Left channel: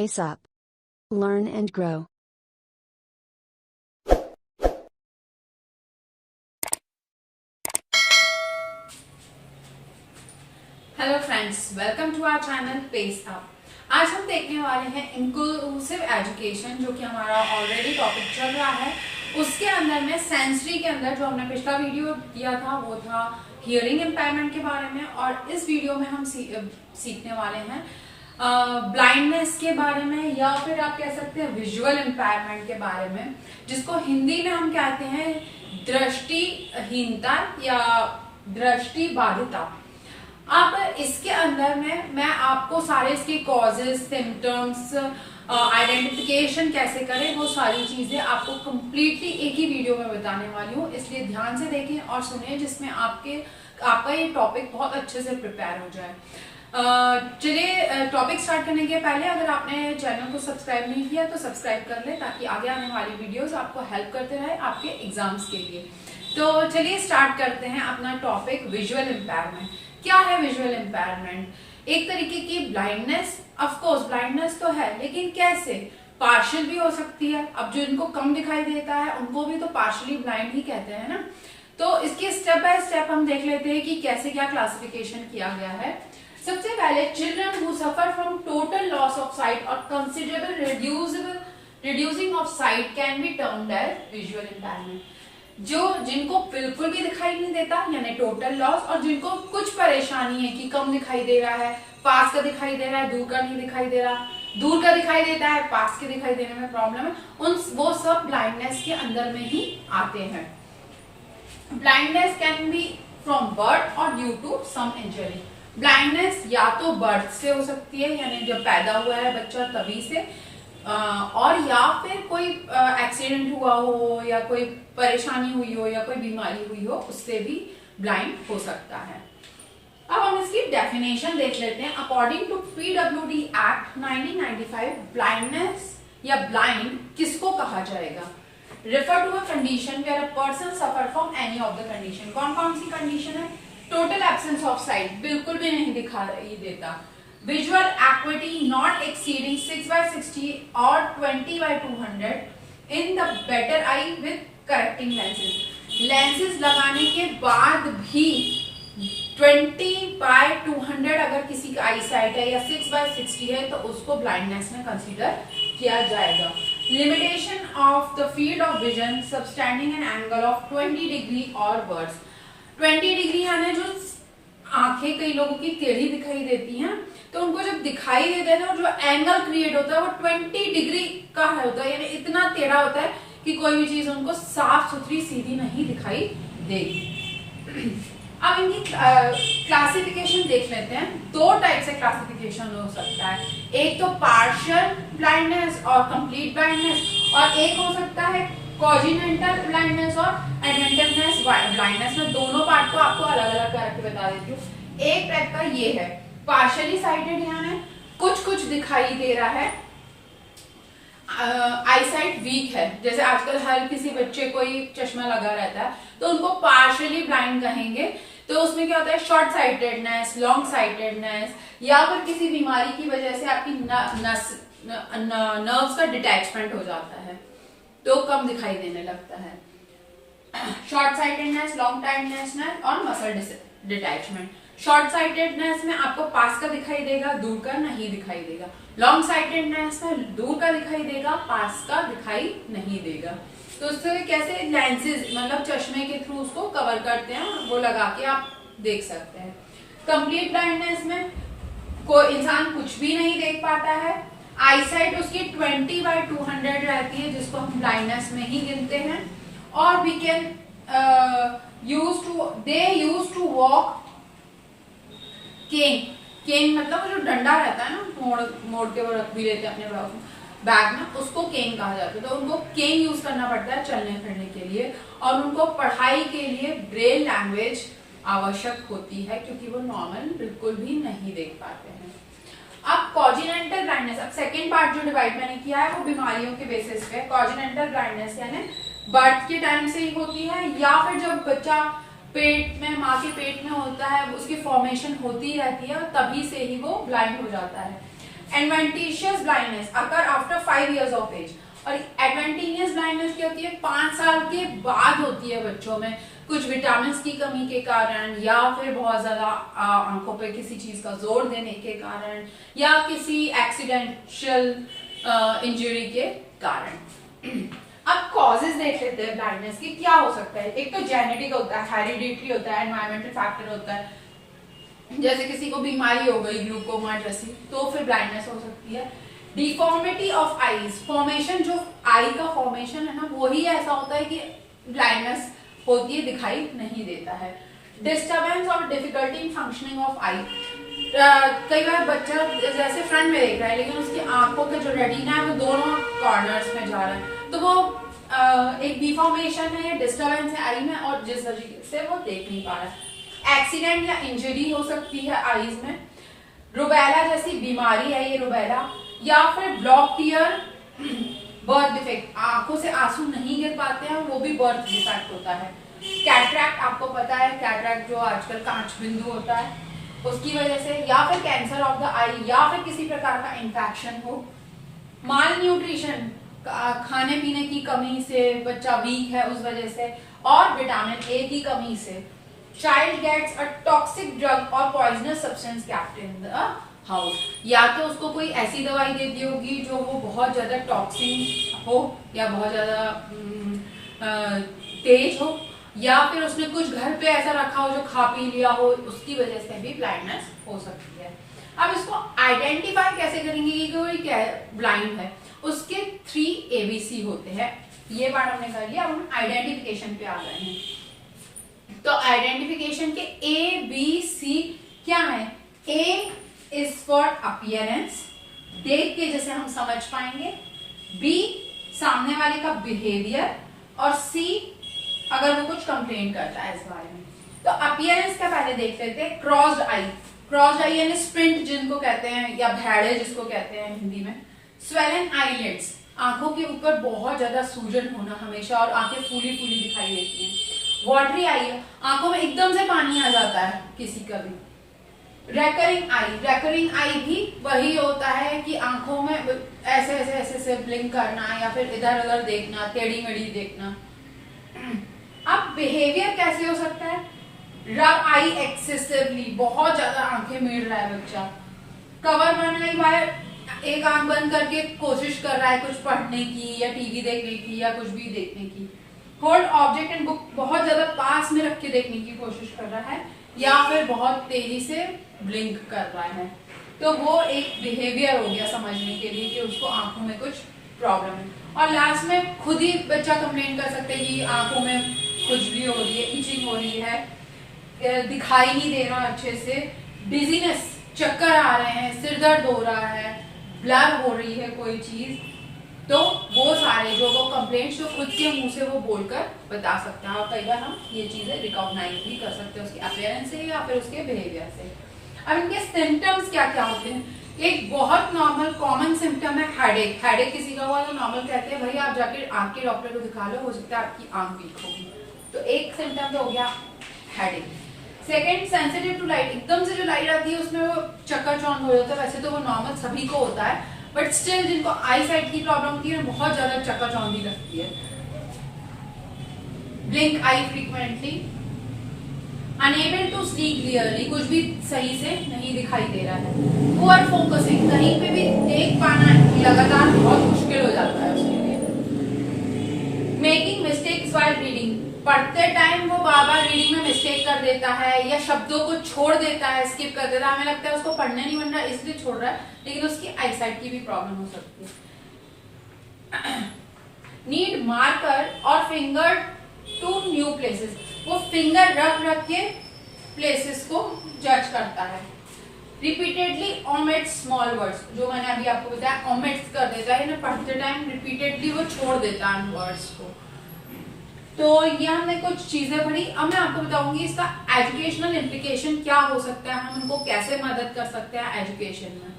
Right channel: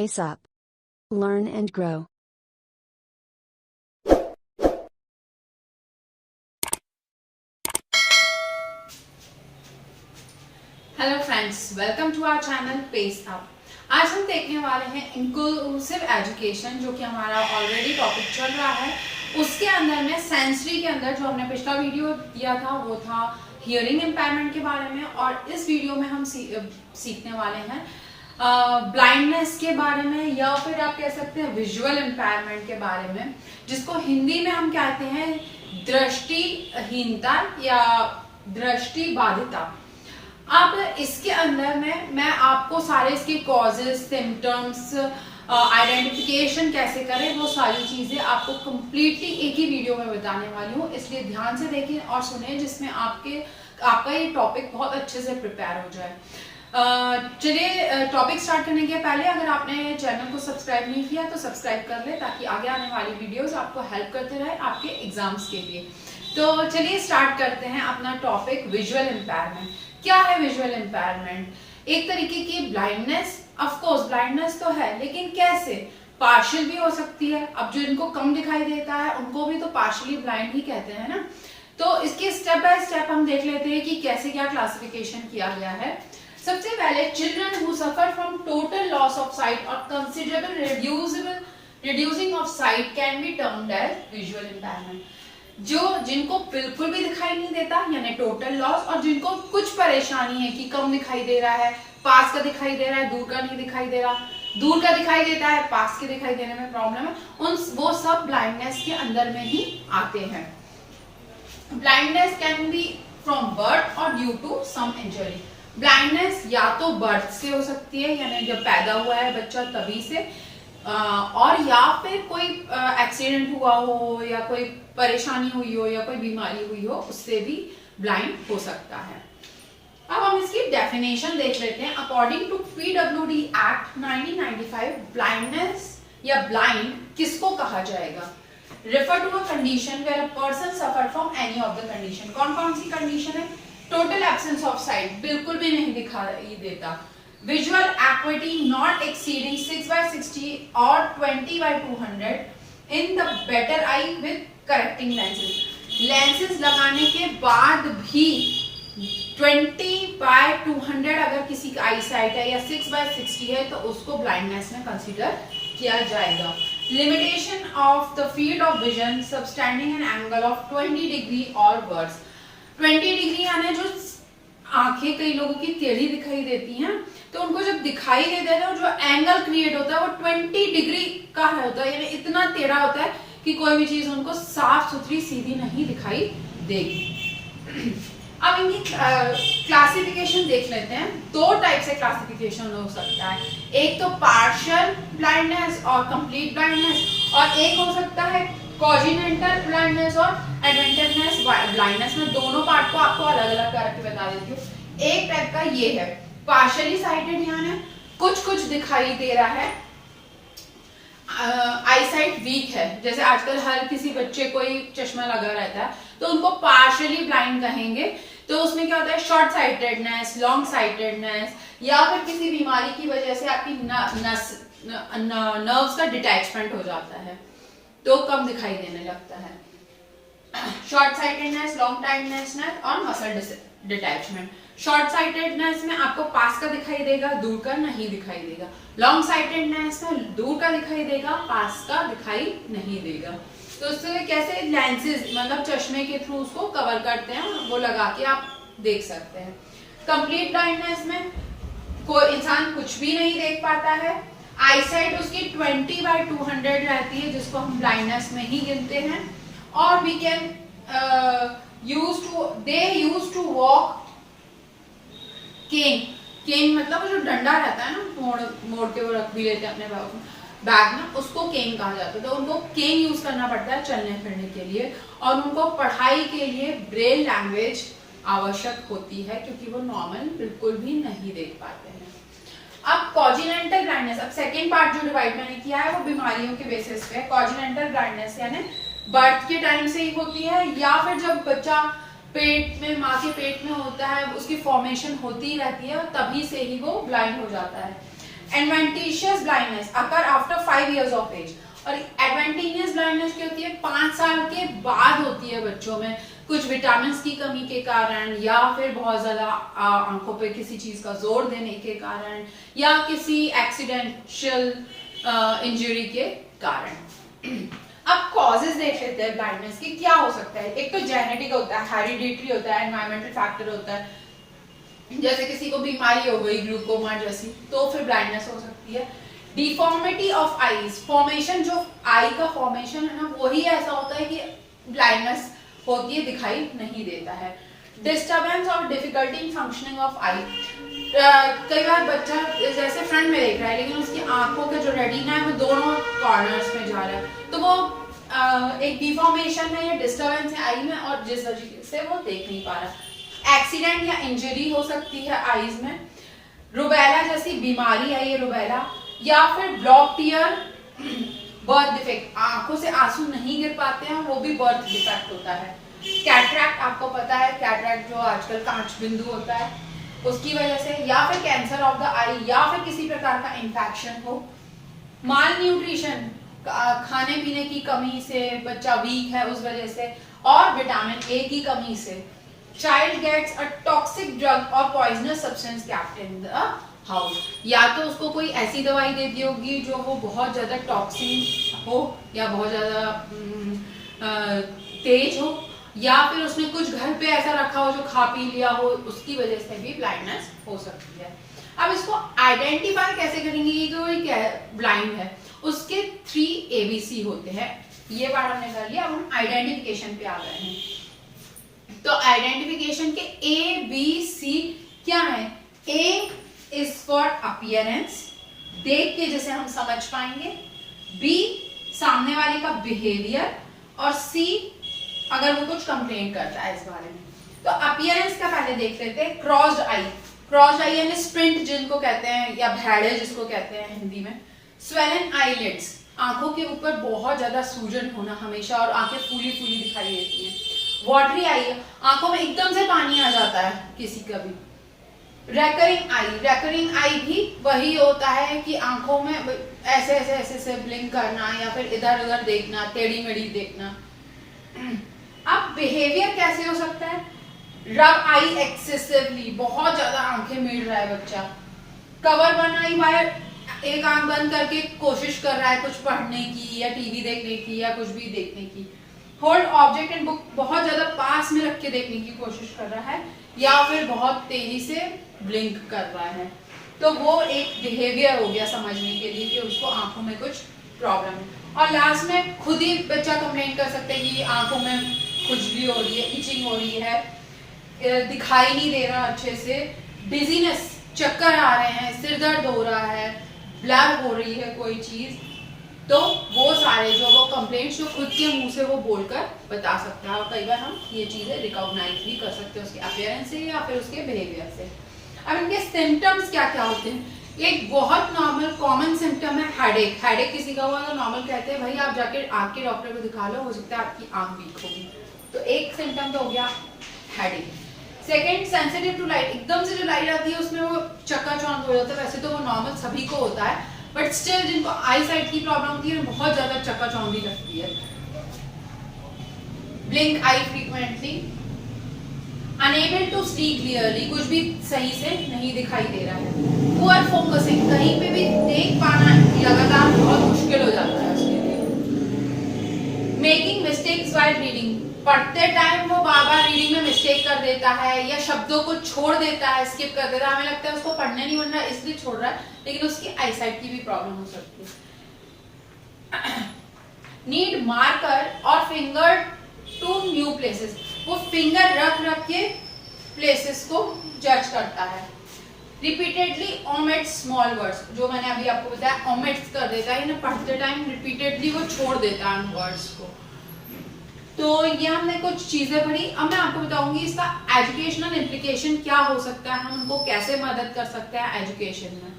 pace up. Learn and grow. Hello friends, welcome to our channel pace up. आज हम देखने वाले हैं इंक्लूसिव एजुकेशन, जो कि हमारा ऑलरेडी टॉपिक चल रहा है। उसके अंदर में सेंसरी के अंदर जो हमने पिछला वीडियो दिया था वो था हियरिंग इम्पेयरमेंट के बारे में, और इस वीडियो में हम सीखने वाले हैं ब्लाइंडनेस के बारे में, या फिर आप कह सकते हैं विजुअल इम्पेयरमेंट के बारे में, जिसको हिंदी में हम कहते हैं दृष्टिहीनता या दृष्टि बाधिता। अब इसके अंदर में मैं आपको सारे इसके कॉजेस, सिम्टम्स, आइडेंटिफिकेशन कैसे करें, वो सारी चीजें आपको कंप्लीटली एक ही वीडियो में बताने वाली हूँ। इसलिए ध्यान से देखें और सुनें, जिसमें आपका ये टॉपिक बहुत अच्छे से प्रिपेयर हो जाए। चलिए टॉपिक स्टार्ट करने के पहले अगर आपने चैनल को सब्सक्राइब नहीं किया तो सब्सक्राइब कर ले, ताकि आगे आने वाली वीडियोस आपको हेल्प करते रहे आपके एग्जाम्स के लिए। तो चलिए स्टार्ट करते हैं अपना टॉपिक विजुअल इम्पेयरमेंट। क्या है विजुअल इम्पेयरमेंट? एक तरीके की ब्लाइंडनेस। ऑफ कोर्स ब्लाइंडनेस तो है, लेकिन कैसे? पार्शियल भी हो सकती है। अब जो इनको कम दिखाई देता है उनको भी तो पार्शियली ब्लाइंड ही कहते हैं ना। तो इसके स्टेप बाय स्टेप हम देख लेते हैं कि कैसे क्या क्लासिफिकेशन किया गया है। सबसे पहले, children who suffer from total loss of sight और considerable reducing of sight can be termed as visual impairment. जिनको बिल्कुल भी दिखाई नहीं देता यानी टोटल लॉस, और जिनको कुछ परेशानी है कि कम दिखाई दे रहा है, पास का दिखाई दे रहा है, दूर का नहीं दिखाई दे रहा, दूर का दिखाई देता है, पास के दिखाई देने में प्रॉब्लम है, वो सब ब्लाइंडनेस के अंदर में ही आते हैं। Blindness can be from birth और due to some injury. Blindness या तो बर्थ से हो सकती है, यानी जब पैदा हुआ है बच्चा तभी से, और या फिर कोई एक्सीडेंट हुआ हो या कोई परेशानी हुई हो या कोई बीमारी हुई हो, उससे भी ब्लाइंड हो सकता है। अब हम इसकी डेफिनेशन देख लेते हैं। According to PWD act 1995, blindness या ब्लाइंड किसको कहा जाएगा? Refer to a condition where a person suffer from any of the condition. कौन कौन सी कंडीशन है? टोटल एब्सेंस ऑफ साइट, बिल्कुल भी नहीं दिखाई देता। Visual acuity not exceeding 6/60 or 20/200 in the better eye with correcting lenses. Lenses लगाने के बाद भी 20/200 अगर किसी का आई साइट है या 6/60 है तो उसको ब्लाइंडनेस में कंसीडर किया जाएगा। Limitation of the field of vision subtending an angle of 20 degree or worse. 20 degree यानी जो आंखें कई लोगों की टेढ़ी दिखाई देती हैं, तो उनको जब दिखाई देता है तो जो एंगल क्रिएट होता है वो 20 डिग्री का होता है, यानी इतना टेढ़ा होता है कि कोई भी चीज उनको साफ सुथरी सीधी नहीं दिखाई देगी। अब इनकी क्लासिफिकेशन देख लेते हैं। दो टाइप से क्लासिफिकेशन हो सकता है, एक तो पार्शियल ब्लाइंडनेस और कंप्लीट ब्लाइंडनेस, और एक हो सकता है कॉन्जेनिटल ब्लाइंडनेस और एडवेंटिवनेस ब्लाइंडनेस। में दोनों पार्ट को आपको अलग अलग करके बता देती हूँ। एक टाइप का ये है पार्शियली साइटेड, यानी कुछ दिखाई दे रहा है, आई साइट वीक है। जैसे आजकल हर किसी बच्चे को ही चश्मा लगा रहता है, तो उनको पार्शियली ब्लाइंड कहेंगे। तो उसमें क्या होता है? शॉर्ट साइटेडनेस, लॉन्ग साइटेडनेस, या फिर किसी बीमारी की वजह से आपकी नर्व्स का डिटैचमेंट हो जाता है तो कम दिखाई देने लगता है। शॉर्ट साइटेडनेस, लॉन्ग साइटेडनेस और मसल डिटैचमेंट। शॉर्ट साइटेडनेस में आपको पास का दिखाई देगा, दूर का नहीं दिखाई देगा। लॉन्ग साइटेडनेस में दूर का दिखाई देगा, पास का दिखाई नहीं देगा। तो उससे कैसे लेंसेज मतलब चश्मे के थ्रू उसको कवर करते हैं, वो लगा के आप देख सकते हैं। कंप्लीट ब्लाइंडनेस में कोई इंसान कुछ भी नहीं देख पाता है, आई साइट उसकी 20/200 रहती है, जिसको हम ब्लाइंडनेस में ही गिनते हैं। और we can use to walk cane मतलब जो डंडा रहता है ना, मोड़ के वो रख भी लेते हैं अपने बैग में, उसको केन कहा जाता है। तो उनको केन यूज करना पड़ता है चलने फिरने के लिए, और उनको पढ़ाई के लिए ब्रेल लैंग्वेज आवश्यक होती है, क्योंकि वो नॉर्मल बिल्कुल भी नहीं देख पाते हैं। अब कॉन्जेनिटल ब्लाइंडनेस, अब सेकेंड पार्ट जो डिवाइड मैंने किया है वो बीमारियों के बेसिस पे। कॉन्जेनिटल ब्लाइंडनेस यानी बर्थ के टाइम से ही होती है, या फिर जब बच्चा पेट में, माँ के पेट में होता है, उसकी फॉर्मेशन होती रहती है और तभी से ही वो ब्लाइंड हो जाता है। Adventitious blindness occur after 5 years of age, और एडवेंटिशियस ब्लाइंडनेस क्या होती है, 5 साल के बाद होती है बच्चों में, कुछ विटामिन की कमी के कारण, या फिर बहुत ज्यादा आंखों पे किसी चीज का जोर देने के कारण, या किसी एक्सीडेंशियल इंजरी के कारण। अब कॉजेज देख लेते हैं ब्लाइंडनेस की, क्या हो सकता है। एक तो जेनेटिक होता है, हेरिडिटरी होता है, एनवायरमेंटल फैक्टर होता है, जैसे किसी को बीमारी हो गई ग्लूकोमा जैसी, तो फिर ब्लाइंडनेस हो सकती है। डिफॉर्मिटी ऑफ आईज, फॉर्मेशन, जो आई का फॉर्मेशन है ना, वही ऐसा होता है कि ब्लाइंडनेस होती है, दिखाई नहीं देता है। डिस्टर्बेंस और डिफिकल्टी इन फंक्शनिंग ऑफ आई, कई बार बच्चा जैसे फ्रंट में देख रहा है लेकिन उसकी आंखों के जो रेटिना है वो दोनों कॉर्नर्स में जा रहा है, तो वो एक डिफॉर्मेशन है या डिस्टर्बेंस है आई में, और जिस वजह से वो देख नहीं पा रहा। एक्सीडेंट या इंजरी हो सकती है आईज में, रुबेला जैसी बीमारी है ये रुबेला, या फिर ब्लॉक टीयर, बर्थ डिफेक्ट, आंखों से आंसू नहीं गिर पाते हैं, वो भी बर्थ डिफेक्ट होता है। कैटरैक्ट, आपको पता है कैटरैक्ट जो आजकल कांच बिंदु होता है उसकी वजह से, या फिर कैंसर ऑफ द आई, या फिर किसी प्रकार का इंफेक्शन हो। माल न्यूट्रिशन, खाने पीने की कमी से बच्चा वीक है उस वजह से, और विटामिन ए की कमी से। Child gets a toxic drug और poisonous substance kept in the house, या तो उसको कोई ऐसी दवाई दे दी होगी जो वो बहुत ज्यादा टॉक्सिक हो या बहुत ज्यादा तेज हो, या फिर उसने कुछ घर पे ऐसा रखा हो जो खा पी लिया हो, उसकी वजह से भी ब्लाइंडनेस हो सकती है। अब इसको आइडेंटिफाई कैसे करेंगे कि कोई ब्लाइंड है, उसके 3 ABC होते हैं। ये बात हमने कर लिया, अब हम आइडेंटिफिकेशन पे आ गए हैं। तो आइडेंटिफिकेशन के ABC क्या है। A इज फॉर अपीयरेंस, देख के जैसे हम समझ पाएंगे। B सामने वाले का बिहेवियर, और C अगर वो कुछ कंप्लेन करता है इस बारे में। तो अपीयरेंस का पहले देख लेते हैं। क्रॉस्ड आई, क्रॉस्ड आई यानी स्प्रिंट जिनको कहते हैं, या भेड़े जिसको कहते हैं हिंदी में। स्वेलन आईलिड्स, आंखों के ऊपर बहुत ज्यादा सूजन होना हमेशा, और आंखें फूली फूली दिखाई देती हैं। वाटरी आई, आंखों में एकदम से पानी आ जाता है किसी का भी। रेकरिंग आई, रेकरिंग आई भी वही होता है कि आंखों में ऐसे ऐसे ऐसे से ब्लिंक करना, या फिर इधर उधर देखना, टेढ़ी मेढ़ी देखना। अब बिहेवियर कैसे हो सकता है। रब आई एक्सेसिवली, बहुत ज्यादा आंखें मीड़ रहा है बच्चा। कवर वन आई, वायर, एक आंख बंद करके कोशिश कर रहा है कुछ पढ़ने की या टीवी देखने की या कुछ भी देखने की। होल्ड ऑब्जेक्ट एंड बुक, बहुत ज्यादा पास में रख के देखने की कोशिश कर रहा है, या फिर बहुत तेजी से ब्लिंक कर रहा है। तो वो एक बिहेवियर हो गया समझने के लिए कि उसको आंखों में कुछ प्रॉब्लम है। और लास्ट में खुद ही बच्चा कंप्लेन कर सकते हैं कि आंखों में खुजली हो रही है, इचिंग हो रही है, दिखाई नहीं दे रहा अच्छे से, डिजीनेस, चक्कर आ रहे हैं, सिर दर्द हो रहा है, ब्लर हो रही है कोई चीज। तो वो सारे जो वो कंप्लेंट्स जो खुद के मुंह से वो बोलकर बता सकता है, और कई बार हम ये चीजें रिकॉग्नाइज भी कर सकते हैं उसके अपीयरेंस से या फिर उसके बिहेवियर से। अब इनके सिम्टम्स क्या क्या होते हैं। एक बहुत नॉर्मल कॉमन सिम्टम है हेडेक। हेडेक किसी का हुआ तो नॉर्मल कहते हैं भाई आप जाके आंख के डॉक्टर को दिखा लो, हो सकता है आपकी आंख वीक होगी। तो एक सिम्टम तो हो गया headache. Second, sensitive to light, एकदम से जो लाइट आती है उसमें वो चक्कर-चौंध हो जाता है। वैसे तो वो नॉर्मल सभी को होता है, बट स्टिल जिनको आई साइट की प्रॉब्लम होती है बहुत ज्यादा चक्कर-चौंधी लगती है। Blink eye frequently, unable to see clearly, कुछ भी सही से नहीं दिखाई दे रहा है। पुअर फोकसिंग, कहीं पे भी देख पाना लगातार बहुत मुश्किल हो जाता है उसके लिए। मेकिंग मिस्टेक्स व्हाइल रीडिंग, पढ़ते टाइम वो बार बार रीडिंग में मिस्टेक कर देता है या शब्दों को छोड़ देता है, स्किप कर देता है, हमें लगता है उसको पढ़ने नहीं बन रहा इसलिए छोड़ रहा है, लेकिन उसकी आई साइट की भी प्रॉब्लम हो सकती है। नीड मार्कर और फिंगर टू न्यू प्लेसेस, वो फिंगर रख के प्लेसेस को जज करता है। रिपीटेडली ओमिट्स स्मॉल वर्ड्स, जो मैंने अभी आपको बताया ओमिट्स कर देता है, पढ़ते टाइम रिपीटेडली वो छोड़ देता है उन वर्ड्स को। तो ये हमने कुछ चीजें पढ़ी। अब मैं आपको बताऊंगी इसका एजुकेशनल इम्प्लीकेशन क्या हो सकता है, हम उनको कैसे मदद कर सकते हैं एजुकेशन में।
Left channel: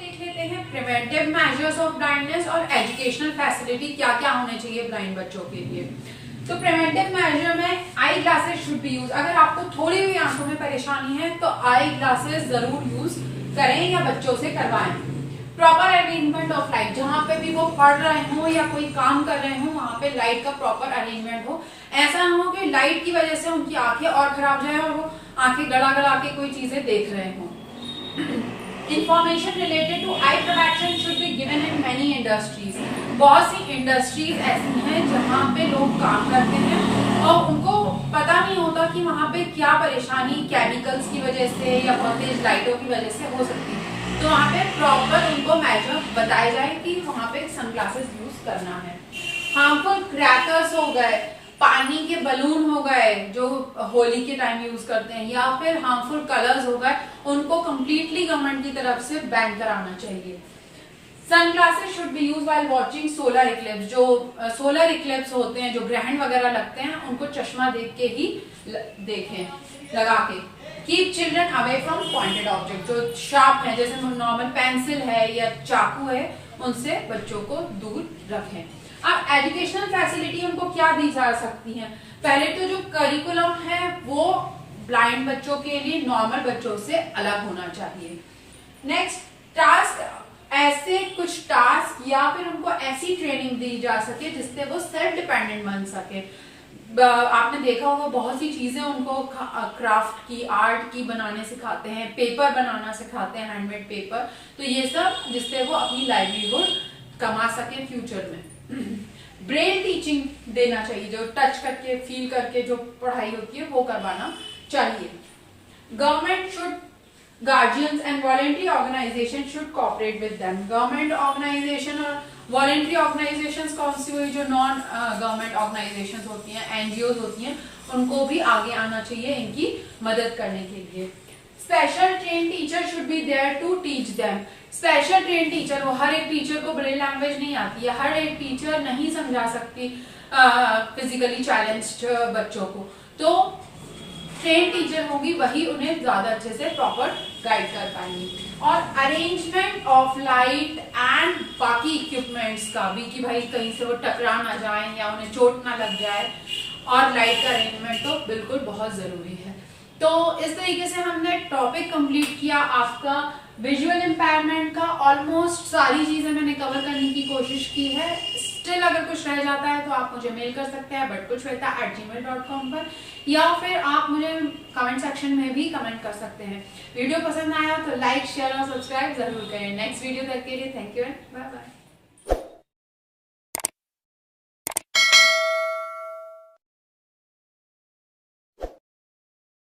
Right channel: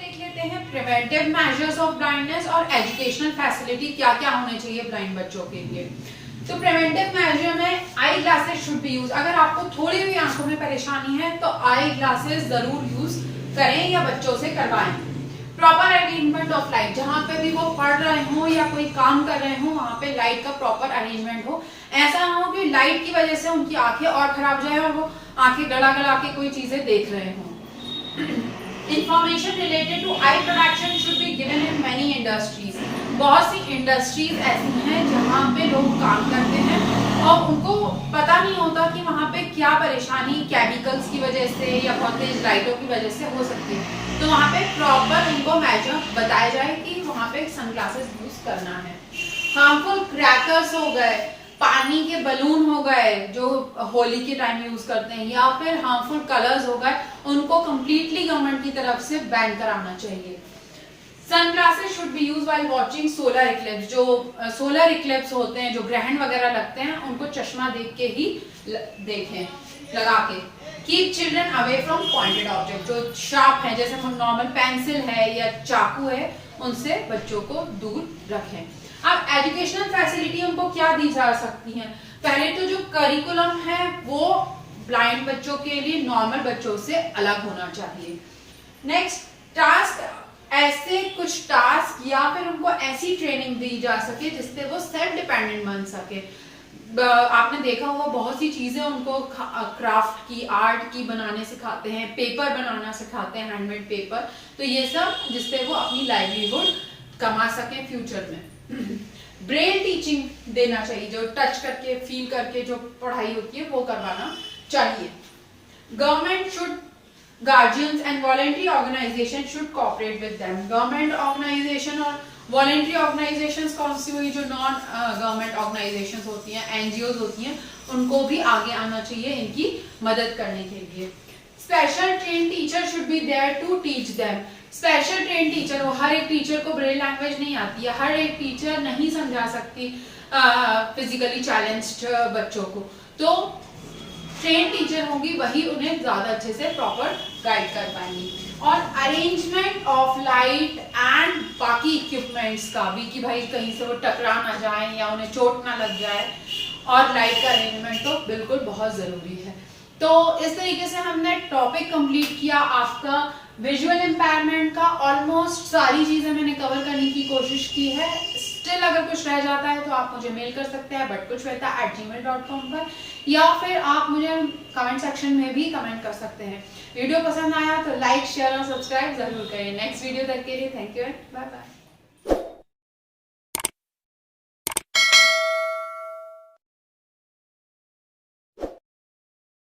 देख लेते हैं प्रिवेंटिव मेजर्स ऑफ ब्लाइंडनेस और एजुकेशनल फैसिलिटी क्या क्या होने चाहिए ब्लाइंड बच्चों के लिए। तो प्रिवेंटिव मेजर में eye eye glasses should be use. अगर आपको थोड़ी भी आंखों में परेशानी है तो आई ग्लासेस जरूर यूज करें या बच्चों से करवाएं। प्रॉपर अरेंजमेंट ऑफ लाइट, जहां पे भी वो पढ़ रहे हो या कोई काम कर रहे हो वहां पे लाइट का प्रॉपर अरेंजमेंट हो। ऐसा ना हो कि लाइट की वजह से उनकी आंखें और खराब जाए और वो आंखें गड़ा गड़ा के कोई चीजें देख रहे हो। Information related to eye protection should be given in many industries. बहुत सी इंडस्ट्रीज ऐसी हैं जहाँ पे लोग काम करते हैं और उनको पता नहीं होता कि वहाँ पे क्या परेशानी केमिकल्स की वजह से या बहुत तेज लाइटों की वजह से हो सकती है। तो वहाँ पे प्रॉपर उनको मेजर बताया जाए कि वहाँ पे सनग्लासेस यूज करना है। हार्मफुल क्रैकर्स हो गए, पानी के बलून हो गए जो होली के टाइम यूज करते हैं, या फिर हार्मफुल कलर्स हो गए, उनको कंप्लीटली गवर्नमेंट की तरफ से बैन कराना चाहिए। Sunglasses should be use while watching solar Eclipse. जो सोलर इक्लिप्स होते हैं, जो ग्रहण वगैरह लगते हैं, उनको चश्मा देख के ही देखें लगा के। Keep children away from pointed object, जो शार्प है जैसे नॉर्मल पेंसिल है या चाकू है, उनसे बच्चों को दूर रखें। अब एजुकेशनल फैसिलिटी उनको क्या दी जा सकती है? पहले तो जो करिकुलम है वो ब्लाइंड बच्चों के लिए नॉर्मल बच्चों से अलग होना चाहिए। नेक्स्ट, टास्क, ऐसे कुछ टास्क या फिर उनको ऐसी ट्रेनिंग दी जा सके जिससे वो सेल्फ डिपेंडेंट बन सके। आपने देखा होगा बहुत सी चीजें उनको क्राफ्ट की, आर्ट की बनाने सिखाते हैं, पेपर बनाना सिखाते हैं, हैंडमेड पेपर। तो ये सब जिससे वो अपनी लाइवलीहुड कमा सके फ्यूचर में। ब्रेन टीचिंग देना चाहिए, जो टच करके फील करके जो पढ़ाई होती है वो करवाना चाहिए। Government should, guardians and voluntary organisation should cooperate with them. Government organisation और वॉलेंट्री ऑर्गेनाइजेशंस कौन सी हुई? जो नॉन गवर्नमेंट ऑर्गेनाइजेशंस होती हैं, एनजीओज होती हैं, उनको भी आगे आना चाहिए इनकी मदद करने के लिए। Special train teacher should be there to teach them. Special train teacher, वो हर एक टीचर को ब्रेल लैंग्वेज नहीं आती है, हर एक टीचर नहीं समझा सकती फिजिकली चैलेंज्ड बच्चों को, तो ट्रेन टीचर होंगी वही उन्हें ज्यादा अच्छे से प्रॉपर गाइड कर पाएंगी। और अरेंजमेंट ऑफ लाइट एंड बाकी इक्विपमेंट्स का भी, कि भाई कहीं से वो टकरा ना जाए या उन्हें चोट ना लग जाए, और लाइट का अरेंजमेंट तो बिल्कुल बहुत जरूरी है। तो इस तरीके से हमने टॉपिक कंप्लीट किया आपका विजुअल इम्पेयरमेंट का। ऑलमोस्ट सारी चीजें मैंने कवर करने की कोशिश की है। स्टिल अगर कुछ रह जाता है तो आप मुझे मेल कर सकते हैं butkuchshweta@gmail.com पर, या फिर आप मुझे कमेंट सेक्शन में भी कमेंट कर सकते हैं। वीडियो पसंद आया तो लाइक, शेयर और सब्सक्राइब जरूर करें। नेक्स्ट वीडियो तक के लिए thank you and bye bye.